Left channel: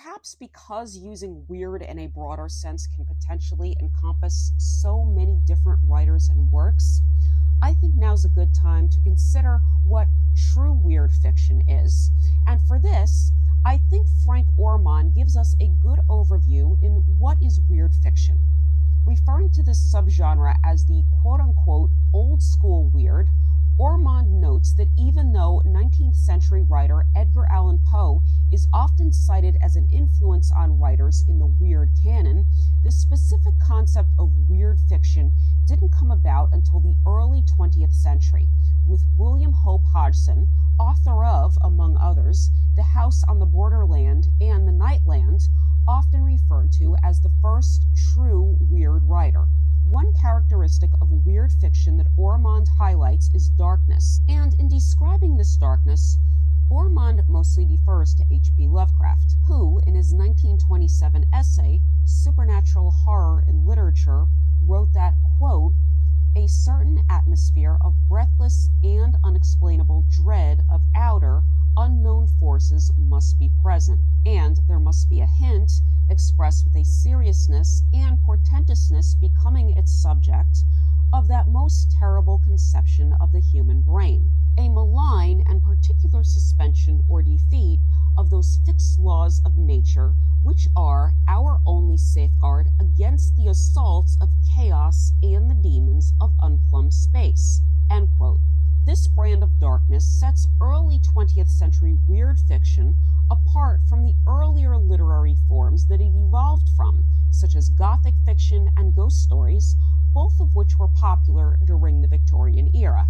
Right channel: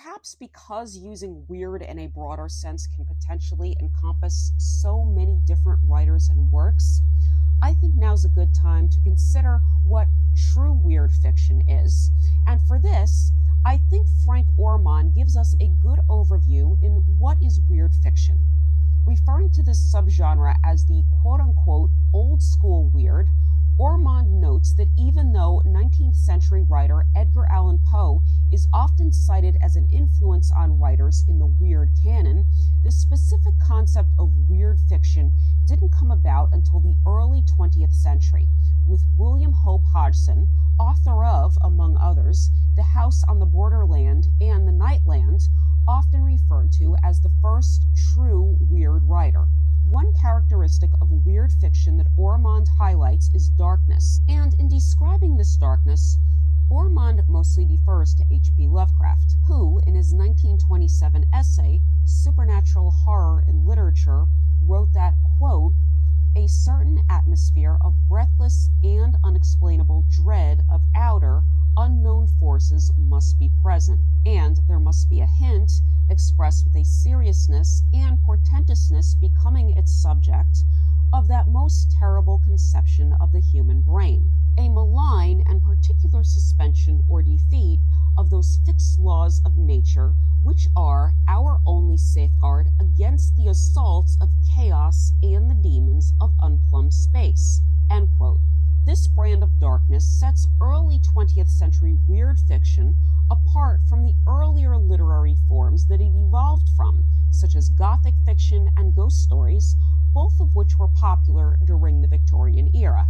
Perhaps because using weird in a broader sense can potentially encompass so many different writers and works, I think now's a good time to consider what true weird fiction is. And for this, I think Frank Ormond gives us a good overview in what is weird fiction. Referring to this subgenre as the quote unquote old school weird, Ormond notes that even though 19th century writer Edgar Allan Poe is often cited as an influence on writers in the weird canon, the specific concept of weird fiction didn't come about until the early 20th century, with William Hope Hodgson, author of, among others, The House on the Borderland and The Nightland, often referred to as the first true weird writer. One characteristic of weird fiction that Ormond highlights is darkness, and in describing this darkness, Ormond mostly refers to H.P. Lovecraft, who, in his 1927 essay, Supernatural Horror in Literature, wrote that, quote, a certain atmosphere of breathless and unexplainable dread of outer, unknown forces must be present, and there must be a hint, expressed with a seriousness and portentousness becoming its subject, of that most terrible conception of the human brain, a malign and particular suspension or defeat of those fixed laws of nature which are our only safeguard against the assaults of chaos and the demons of unplumbed space. End quote. This brand of darkness sets early 20th century weird fiction apart from the earlier literary forms that it evolved from, such as Gothic fiction and ghost stories, both of which were popular during the Victorian era.